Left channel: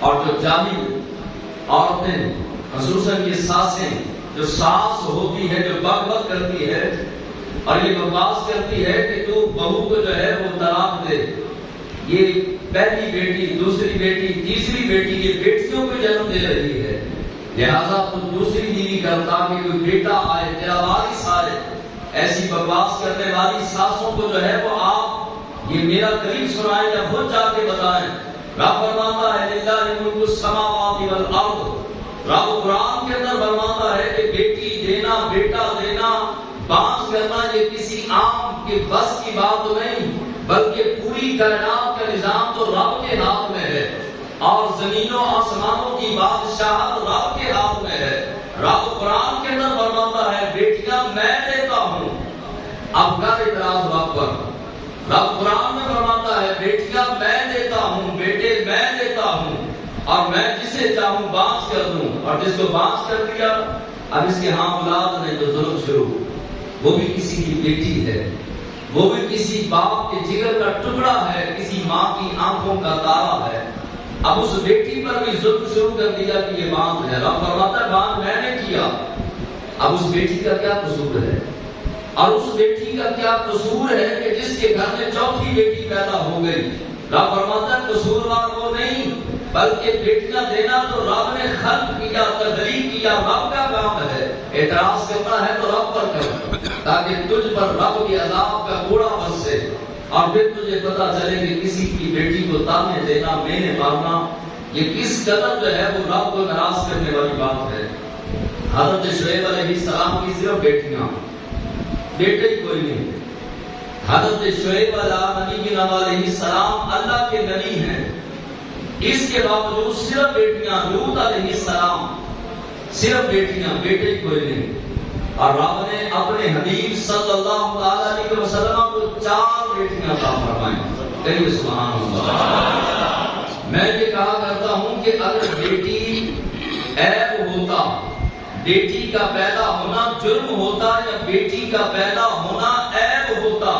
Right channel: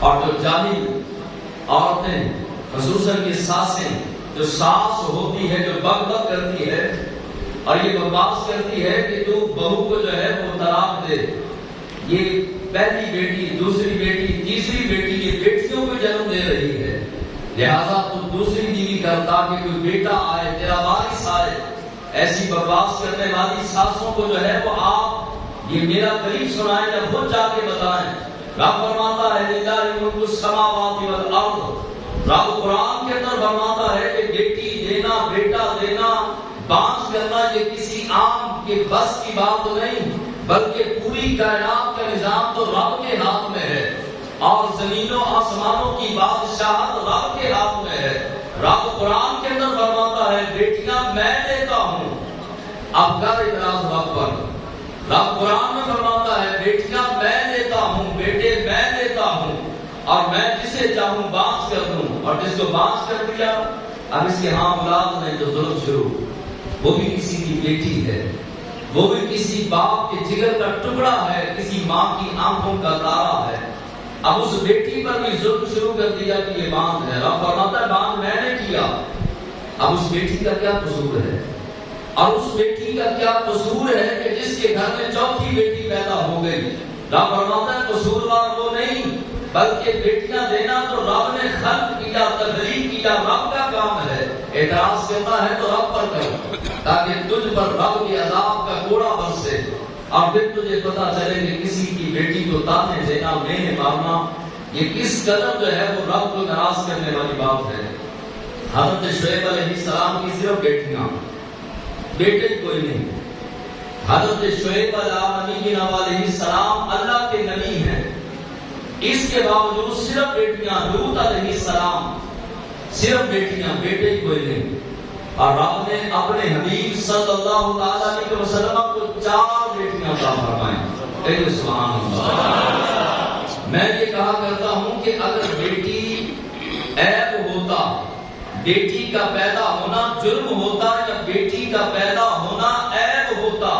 اور جو جاہل عورتیں خصوصاً یہ ساسیں جو ساس ہوتی ہے جو بک بک کرتی ہے اور یہ بکواس کرتی ہے کہ تو بہو کو جو ہے وہ طلاق دے، یہ پہلی بیٹی، دوسری بیٹی، تیسری بیٹی، یہ بیٹیوں کو جنم دے رہی ہے، لہذا تو دوسری بیوی کر تاکہ کوئی بیٹا آئے، تیرا وارث آئے۔ ایسی بکواس کرنے والی ساسوں کو جو ہے وہ آپ یہ میرا قریب سنائیں یا خود جا کے بتائیں۔ رب فرماتا ہے للہ ملک السماوات والارض، رب قرآن کے اندر فرماتا ہے کہ بیٹی دینا، بیٹا دینا، بانس کرنا یہ کسی عام کے بس کی بات نہیں، بلکہ پوری کائنات کا نظام تو رب کے ہاتھ میں ہے، اور زمینوں آسمانوں کی بادشاہت رب کے ہاتھ میں ہے۔ رب قرآن کے اندر فرماتا ہے بیٹیاں میں دیتا ہوں، اب کر اعتراض رب پر۔ رب قرآن میں فرماتا ہے بیٹیاں میں دیتا ہوں، بیٹے میں دیتا ہوں، اور میں جسے چاہوں بانس کر دوں، اور جس کو بانس کر دیا اب اس کے ہاں اولاد نہیں تو ظلم شروع، وہ بھی کسی کی بیٹی ہے، وہ بھی کسی باپ کے جگر کا ٹکڑا ہے، کسی ماں کی آنکھوں کا تارا ہے، اب اس بیٹی پر بھی ظلم شروع کر دیا کہ یہ باندھ ہے۔ رب فرماتا ہے باندھ میں نے کیا، اب اس بیٹی کا کیا قصور ہے؟ اور اس بیٹی کا کیا قصور ہے کہ جس کے گھر میں چوتھی بیٹی پیدا ہو گئی؟ رب فرماتا ہے قصوروار وہ نہیں، بلکہ بیٹیاں دینا تو رب نے خلق کیا، تخلیق کیا، رب کا کام ہے۔ اعتراض کرنا ہے تو رب پر کر، تاکہ تجھ پر رب کے عذاب کا کوڑا برسے، اور پھر تجھے پتا چلے کہ کسی کی بیٹی کو تانے دینا، مینے مارنا، یہ کس قدر جو ہے وہ رب کو ناراض کرنے والی بات ہے۔ حضرت شعیب علیہ السلام کی صرف بیٹیاں، بیٹے ہی کوئی نہیں۔ حضرت شعیب علیہ السلام اللہ کے نبی ہیں، اس کے باوجود صرف بیٹیاں، لوط علیہ السلام صرف بیٹیاں، بیٹے ہی کوئی نہیں۔ اور رب نے اپنے حبیب صلی اللہ علیہ وسلم کو 4 بیٹیاں عطا فرمائیں۔ کہیے سبحان اللہ۔ میں یہ کہا کرتا ہوں کہ اگر بیٹی عیب ہوتا، بیٹی کا پیدا ہونا جرم ہوتا، یا بیٹی کا پیدا ہونا عیب ہوتا،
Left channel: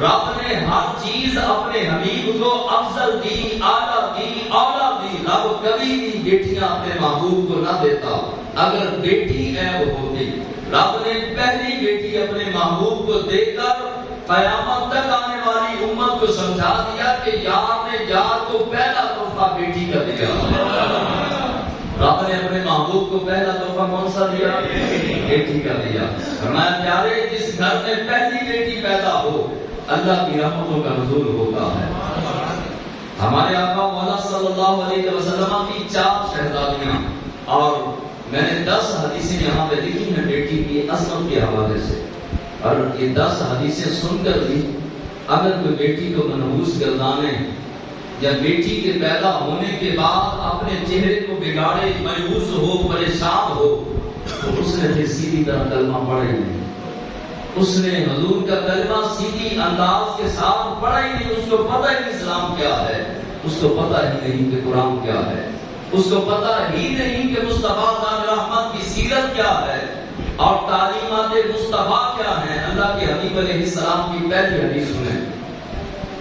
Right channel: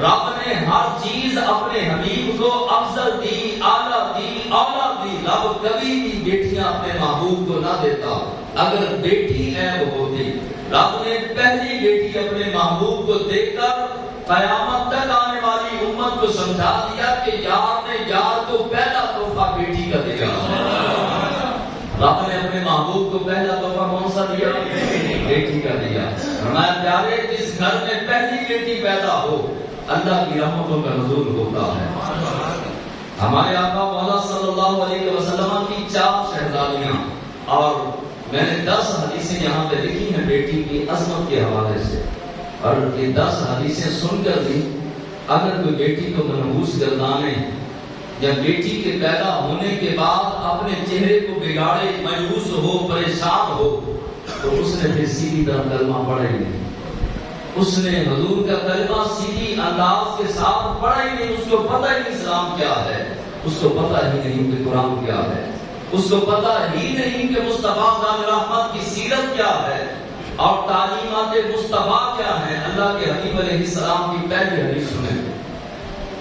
رب نے ہر چیز اپنے حبیب کو افضل دی، اعلیٰ دی، اولا دی، رب کبھی بھی بیٹیاں اپنے محبوب کو نہ دیتا اگر بیٹی عیب ہوتی۔ رب نے پہلی بیٹی اپنے محبوب کو دے کر قیامت تک آنے والی امت کو سمجھا دیا کہ یار نے یار کو پہلا تحفہ بیٹی کا دیا۔ رب نے اپنے محبوب کو پہلا تحفہ کون سا دیا؟ بیٹی کا دیا۔ فرمایا پیارے جس گھر میں پہلی بیٹی پیدا ہو اللہ کی رحمتوں کا نزول ہوتا ہے۔ ہمارے آقا مولا صلی اللہ علیہ وسلم کی 4 شہزادیاں، اور میں نے 10 حدیثیں یہاں پہ لکھی ہیں بیٹی کی عظمت کے حوالے سے، اور یہ 10 حدیثیں سن کر بھی اگر کوئی بیٹی کو منحوس گردانے یا بیٹی کے پیدا ہونے کے بعد اپنے چہرے کو بگاڑے، مایوس ہو، پریشان ہو، تو اس نے پھر سیدھی طرح کلمہ پڑھا ہی نہیں، اس نے حضور کا کلمہ سیدھی انداز کے ساتھ پڑھا ہی نہیں، اس کو پتہ ہی نہیں اسلام کیا ہے، اس کو پتہ ہی نہیں کہ قرآن کیا ہے، اس کو پتہ ہی نہیں کہ مصطفیٰ نام رحمت کی سیرت کیا ہے اور تعلیمات مصطفیٰ کیا ہیں۔ اللہ کے حبیب علیہ السلام کی پہلی حدیث سنیں،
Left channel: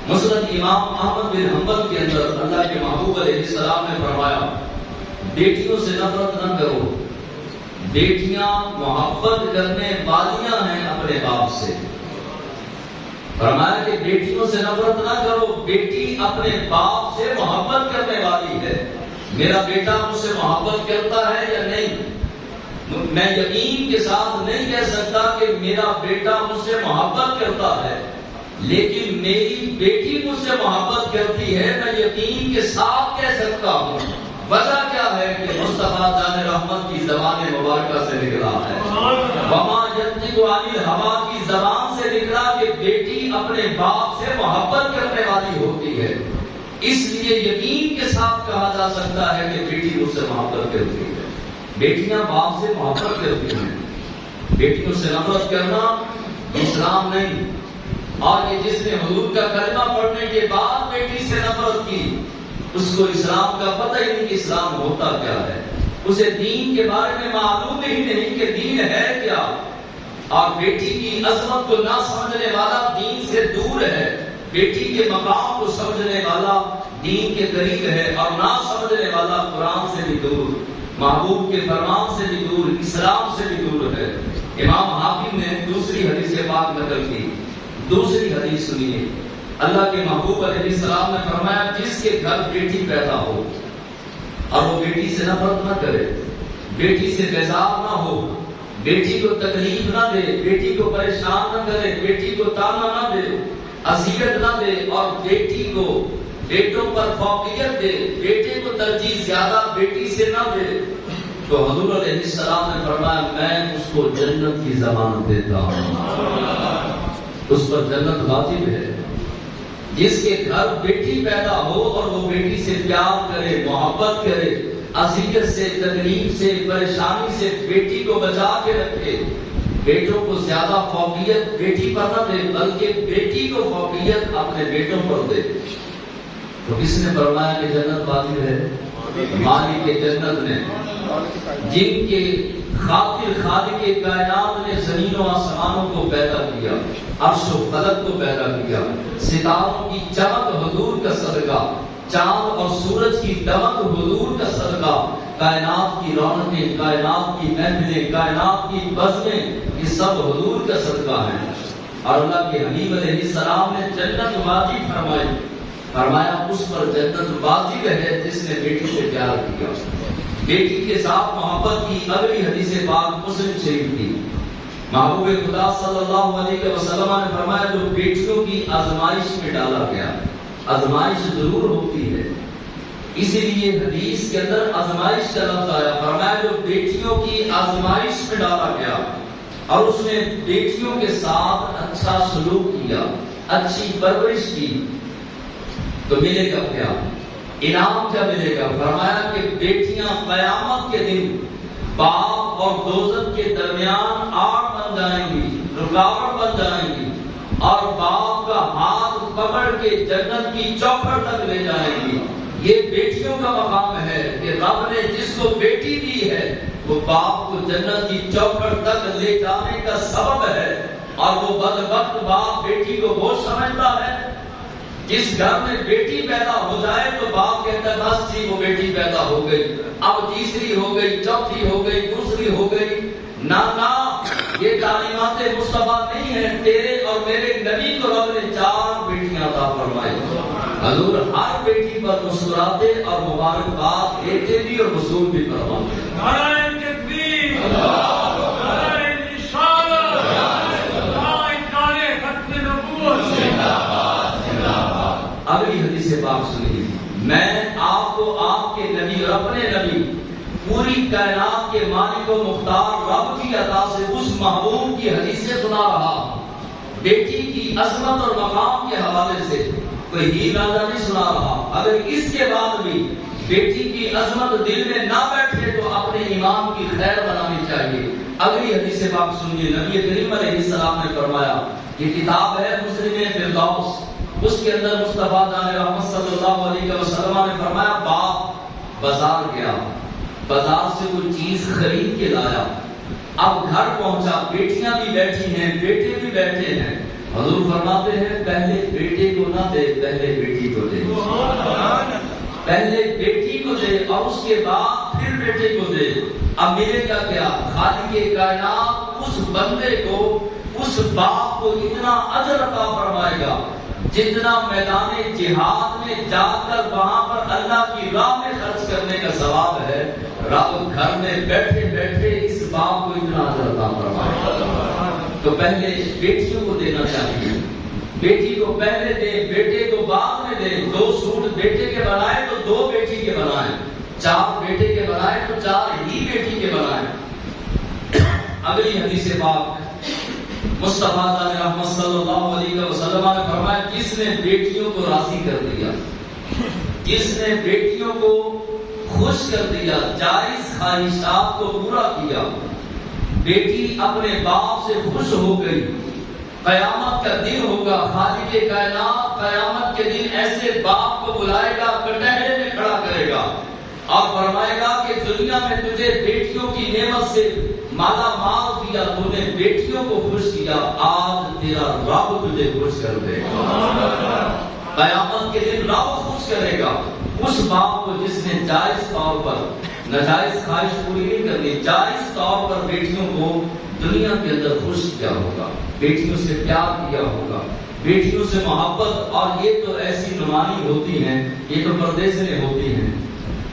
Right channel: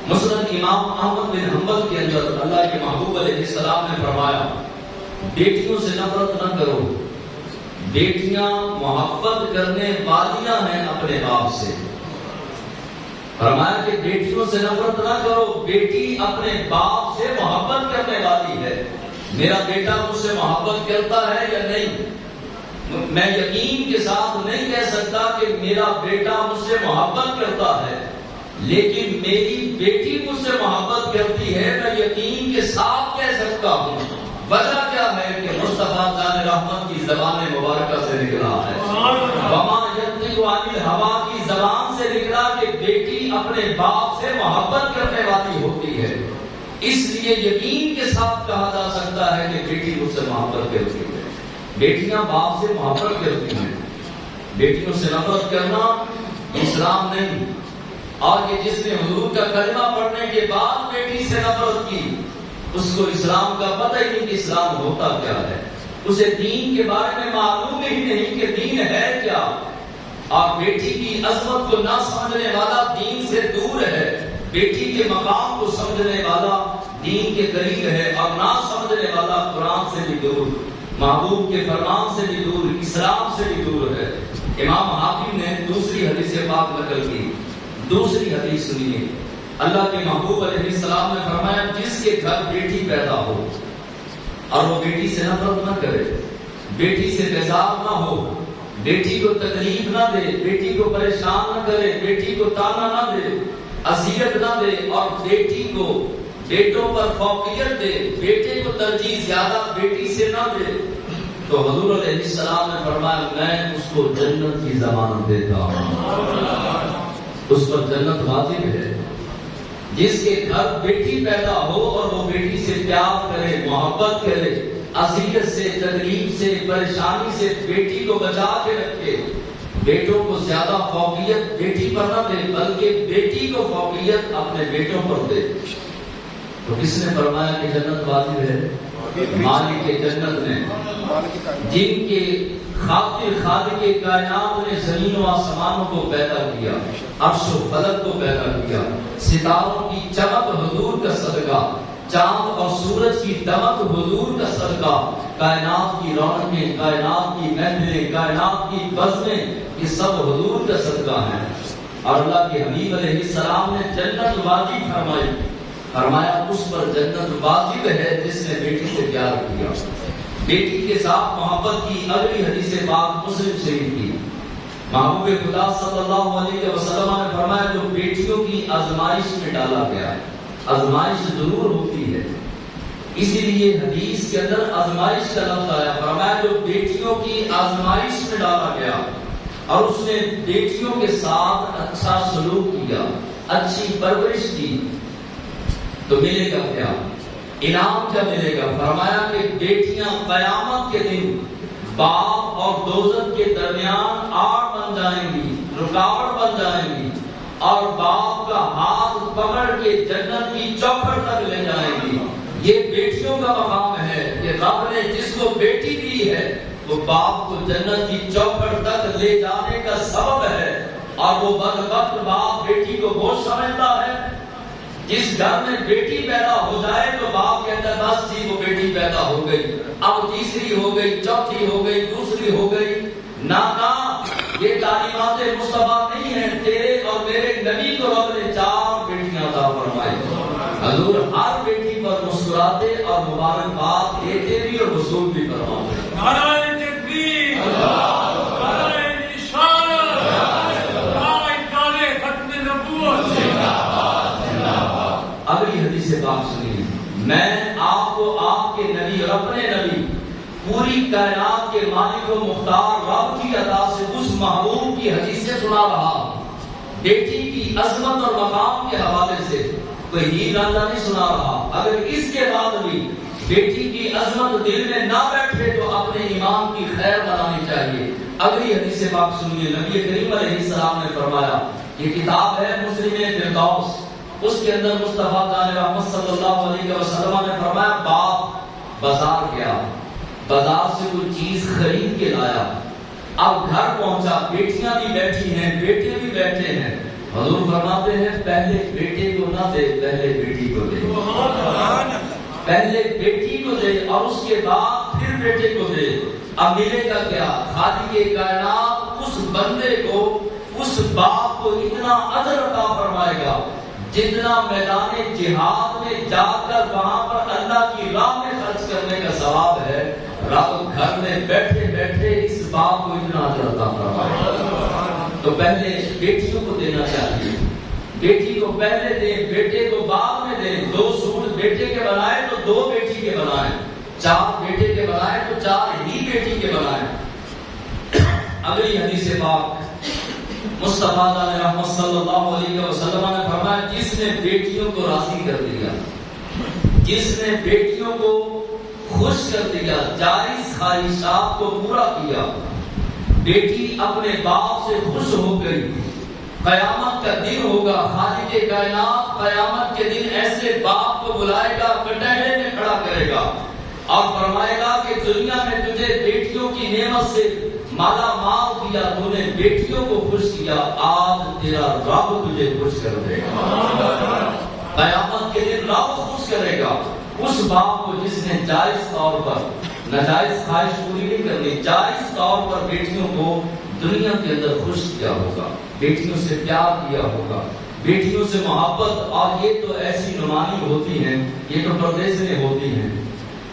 مسند امام احمد بن حنبل کے اندر اللہ کے محبوب علیہ السلام نے فرمایا بیٹیوں سے نفرت نہ کرو، بیٹیاں محبت کرنے والیاں ہیں اپنے باپ سے۔ فرمایا کہ بیٹیوں سے نفرت نہ کرو، بیٹی اپنے باپ سے محبت کرنے والی ہے۔ میرا بیٹا مجھ سے محبت کرتا ہے یا نہیں؟ میں یقین کے ساتھ نہیں کہہ سکتا کہ میرا بیٹا مجھ سے محبت کرتا ہے، لیکن میری بیٹی مجھ سے محبت کرتی ہے، میں یقین کے ساتھ کہہ سکتا ہوں۔ وجہ کیا ہے کہ مصطفیٰ جان رحمت کی زبان مبارکہ سے نکلا ہے، وما ينطق عن الهوى کی زبان سے نکلا کہ بیٹی اپنے باپ سے محبت کرنے والی ہوتی ہے، اس لیے یقین کے ساتھ کہا جا سکتا ہے کہ بیٹی مجھ سے محبت کرتی ہے۔ بیٹیاں باپ سے محبت کرتی ہیں، بیٹیوں سے نفرت کرنا اسلام نہیں۔ اور یہ جس نے حضور کا کلمہ پڑھنے کے بعد بیٹی سے نفرت کی، اس کو اسلام کا پتہ ہی نہیں کہ اسلام ہوتا کیا ہے، اسے دین کے بارے میں معلوم ہی نہیں کہ دین ہے کیا، اور بیٹی کی عظمت کو نہ سمجھنے والا دین سے دور ہے، بیٹی کے مقام کو سمجھنے والا دین کے قریب ہے اور نہ سمجھنے والا قرآن سے بھی دور، محبوب کے فرمان سے بھی دور، اسلام سے بھی دور ہے۔ امام حاکم نے دوسری حدیث پاک نقل کی، دوسری حدیث سنیے۔ اللہ کے محبوب علیہ السلام نے فرمایا جس کے گھر بیٹی پیدا ہو اور وہ بیٹی سے نفرت نہ کرے، بیٹی سے بیزار نہ ہو، بیٹی کو تکلیف نہ دے، بیٹی کو پریشان نہ کرے، بیٹی کو تانا نہ دے، اذیت نہ دے، اور بیٹی کو بیٹوں پر فوقیت دے، بیٹے کو ترجیح زیادہ بیٹی سے نہ دے، تو حضور علیہ السلام نے فرمایا میں اس کو جنت کی ضمانت دیتا ہوں، اس پر جنت واجب ہے۔ جس کے گھر بیٹی پیدا ہو اور وہ بیٹی سے پیار کرے، محبت کرے، اذیت سے، تکلیف سے، پریشانی سے بیٹی کو بچا کے رکھے، بیٹوں کو زیادہ فوقیت بیٹی پر نہ دے بلکہ بیٹی کو فوقیت اپنے بیٹوں پر دے، تو کس نے فرمایا کہ جنت واجب ہے؟ مالک جنت نے، جن کے خاطر خالق کائنات نے زمین و آسمانوں کو پیدا کیا، عرش و فلک کو پیدا کیا، ستاروں کی چمک حضور کا صدقہ، چاند اور سورج کی دمک حضور کا صدقہ، کائنات کی رونقیں، کائنات کی محفلیں، کائنات کی بزمیں، یہ سب حضور کا صدقہ ہیں۔ اور اللہ کے حبیب علیہ السلام نے جنت واجب فرمائی، فرمایا اس پر جنت واجب ہے جس نے بیٹی سے پیار کیا، بیٹی کے ساتھ محبت کی۔ اگلی حدیث پاک مسلم شریف کی، محبوب خدا صلی اللہ علیہ وسلم نے فرمایا جو بیٹیوں کی آزمائش میں ڈالا گیا، آزمائش ضرور ہوتی ہے، اسی لیے حدیث کے اندر آزمائش کا لفظ آیا، فرمایا جو بیٹیوں کی آزمائش میں ڈالا گیا اور اس نے بیٹیوں کے ساتھ اچھا سلوک کیا، اچھی پرورش کی، تو ملے گا کیا؟ انعام کیا ملے گا؟ فرمایا کہ بیٹیاں قیامت کے دن باپ اور دوزخ کے درمیان آڑ بن جائیں گی، رکاوٹ بن جائیں گی، اور باپ کا ہاتھ پکڑ کے جنت کی چوکھٹ تک لے جائیں گی۔ یہ بیٹیوں کا مقام ہے کہ رب نے جس کو بیٹی دی ہے وہ باپ کو جنت کی چوکھٹ تک لے جانے کا سبب ہے، اور وہ بدبخت باپ بیٹی کو بوجھ سمجھتا ہے۔ جس گھر میں بیٹی پیدا ہو جائے تو باپ کہتا ہے بس جی وہ بیٹی پیدا ہو گئی، اب تیسری ہو گئی، چوتھی ہو گئی، دوسری ہو گئی۔ نہ یہ تعلیمات مصطفیٰ نہیں ہیں، تیرے اور میرے نبی کو رب نے 4 بیٹیاں عطا فرمائی۔ حضور ہر بیٹی پر مسکراتے اور مبارکباد دیتے بھی اور وصول بھی فرماتے۔ اگلی حدیث پاک سنیے، میں آپ کو آپ کے نبی اور اپنے نبی پوری کائنات کے مالک و مختار رب کی عطا سے اس محبوب کی حدیثیں سنا رہا، بیٹی کی عظمت اور مقام کے حوالے سے کوئی ہیر رانجھا نہیں سنا رہا۔ اگر اس کے بعد بھی بیٹی کی عظمت دل میں نہ بیٹھے تو اپنے ایمان کی خیر بنانی چاہیے۔ اگلی حدیث پاک سنیے، نبی کریم علیہ السلام نے فرمایا، یہ کتاب ہے مسلم فردوس، اس کے اندر مصطفیٰ جان رحمت صلی اللہ علیہ وسلم نے فرمایا باپ بازار گیا، بازار سے کوئی چیز خرید کے لایا، اب گھر پہنچا، بیٹیاں بھی بیٹھی ہیں، بیٹے بھی بیٹھے ہیں، حضور فرماتے ہیں پہلے بیٹے کو نہ دے، پہلے بیٹی کو دے، پہلے بیٹی کو دے اور اس کے بعد پھر بیٹے کو دے۔ اب ملے گا کیا؟ خالق کائنات اس بندے کو، اس باپ کو اتنا اجر عطا فرمائے گا جتنا میدان جہاد میں جا کر وہاں پر اللہ کی راہ میں خرچ کرنے کا ثواب ہے، رب گھر میں بیٹھے بیٹھے اس باپ کو اتنا اجر عطا فرمائے۔ تو پہلے بیٹیوں کو دینا چاہیے، بیٹی کو پہلے دے، بیٹے کو بعد میں دے۔ 2 سوٹ بیٹے کے بنائے تو 2 بیٹی کے بنائے، 4 بیٹے کے بنائے تو 4 ہی بیٹی کے بنائے۔ اگلی حدیث پاک مصطفیٰ رحمت صلی اللہ علیہ وسلم نے فرمایا جس نے بیٹیوں کو راضی کر دیا، جس نے بیٹیوں کو خوش کر دیا، جائز خواہشات کو پورا کیا، بیٹی اپنے باپ سے خوش ہو گئی، قیامت کا دن ہوگا، خالق کائنات قیامت کے دن ایسے باپ کو بلائے گا، کٹہرے میں کھڑا کرے گا اور فرمائے گا کہ دنیا میں تجھے بیٹیوں کی نعمت سے مالا مال کیا، تو نے بیٹیوں کو خوش کیا، آج تیرا رب تجھے خوش کر دے گا۔ قیامت کے دن رب خوش کرے گا اس باپ کو جس نے جائز طور پر ناجائز خواہش پوری نہیں کرنی، جائز طور پر بیٹیوں کو دنیا کے اندر خوش کیا ہوگا، بیٹیوں سے پیار کیا ہوگا، بیٹیوں سے محبت. اور یہ تو ایسی نمانی ہوتی ہیں، یہ تو پردیسیں ہوتی ہیں.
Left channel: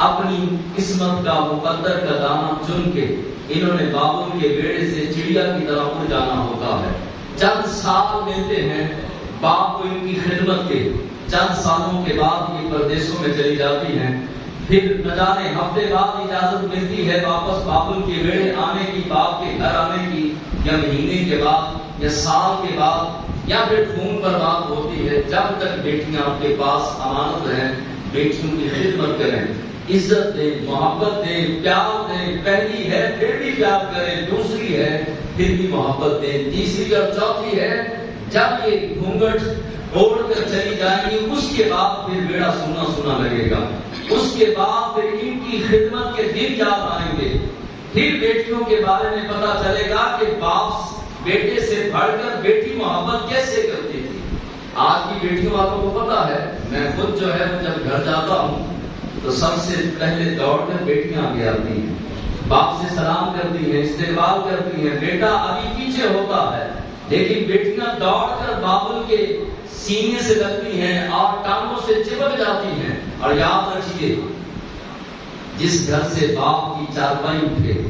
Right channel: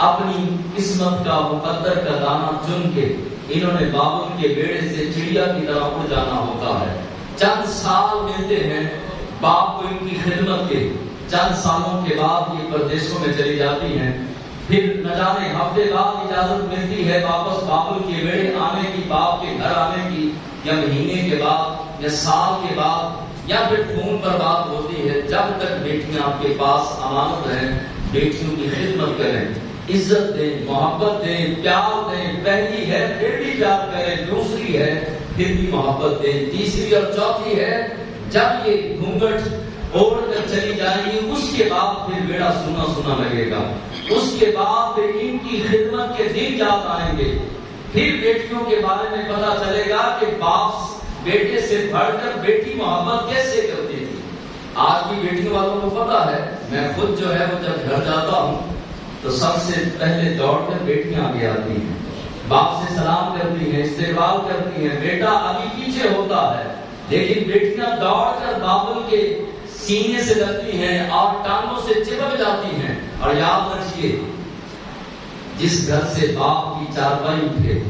اپنی قسمت کا مقدر کا دانہ چن کے انہوں نے بابل کے بیڑے سے چڑیا کی طرح اڑ جانا ہوتا ہے. چند سال ملتے ہیں باپ کو ان کی خدمت کے، چند سالوں کے بعد یہ پردیسوں میں چلی جاتی ہیں. پھر نہ جانے ہفتے بعد اجازت ملتی ہے واپس بابل کے بیڑے آنے کی، باپ کے گھر آنے کی، یا مہینے کے بعد یا سال کے بعد، یا پھر فون پر بات ہوتی ہے. جب تک بیٹیاں آپ کے پاس امانت ہیں، بیٹیوں کی خدمت کریں، عزت دیں، محبت دیں، پیار دیں. پہلی ہے پھر بھی پیار کریں، دوسری ہے پھر بھی محبت دیں، تیسری اور چوتھی ہے جب یہ گھونگھٹ اوڑھ کر چلی جائیں گی اس کے بعد پھر بیڑا سونا سونا لگے گا. اس کے بعد پھر ان کی خدمت کے دن یاد آئیں گے. پھر بیٹیوں کے بارے میں پتا چلے گا کہ باپ بیٹے سے بڑھ کر بیٹی محبت کیسے کرتی تھی. آج کی بیٹیوں والوں کو پتا ہے. میں خود جو ہے وہ جب گھر جاتا ہوں تو سب سے پہلے دوڑ کر بیٹیاں آگے آتی ہیں، باپ سے سلام کرتی ہیں، استقبال کرتی ہیں. بیٹا ابھی پیچھے ہوتا ہے لیکن بیٹیاں دوڑ کر بابل کے سینے سے لگتی ہیں اور ٹانگوں سے چپک جاتی ہیں. اور یاد رکھیے جس گھر سے باپ کی چارپائی اٹھے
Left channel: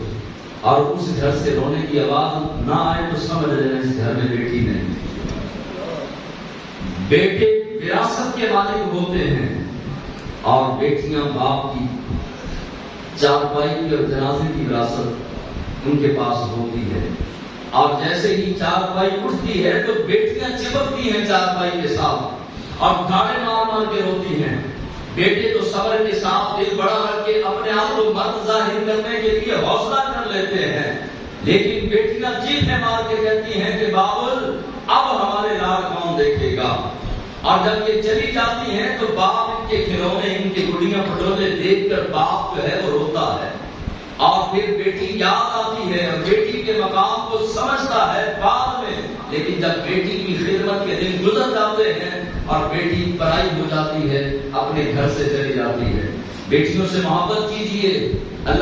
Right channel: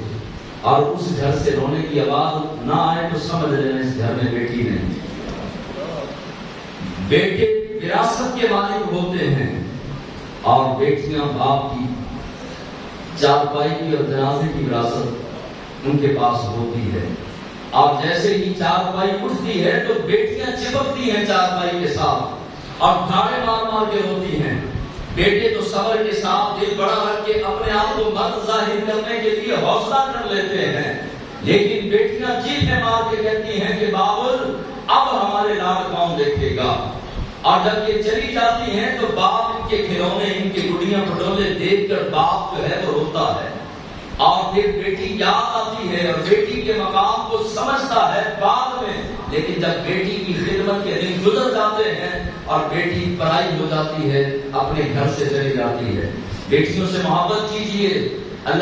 اور اس گھر سے رونے کی آواز نہ آئے تو سمجھ لینا اس گھر میں بیٹی نہیں. بیٹے وراثت کے مالک ہوتے ہیں اور بیٹیاں باپ کی چارپائی کی اور جنازے کی وراثت ان کے پاس ہوتی ہے. اور جیسے ہی چارپائی اٹھتی ہے تو بیٹیاں چپکتی ہیں چارپائی کے ساتھ اور دھاڑے مار مار کے روتی ہیں. بیٹے تو صبر کے ساتھ دل بڑا رکھ کے اپنے آپ کو مرد ظاہر کرنے کے لیے حوصلہ کر لیتے ہیں، لیکن بیٹیاں چیخیں مار کے کہتی ہیں کہ بابل اب ہمارے لاڈ کون دیکھے گا. اور جب یہ چلی جاتی ہیں تو باپ ان کے کھلونے، ان کے گڑیاں پٹولے دیکھ کر باپ جو ہے وہ روتا ہے. اور پھر بیٹی یاد آتی ہے اور بیٹی کے مقام کو سمجھتا ہے بعد میں. لیکن جب بیٹی کی خدمت کے دن گزر جاتے ہیں اور بیٹی پرائی ہو جاتی ہے، اپنے گھر سے چلی جاتی ہے. بیٹیوں سے محبت کیجیے. اللہ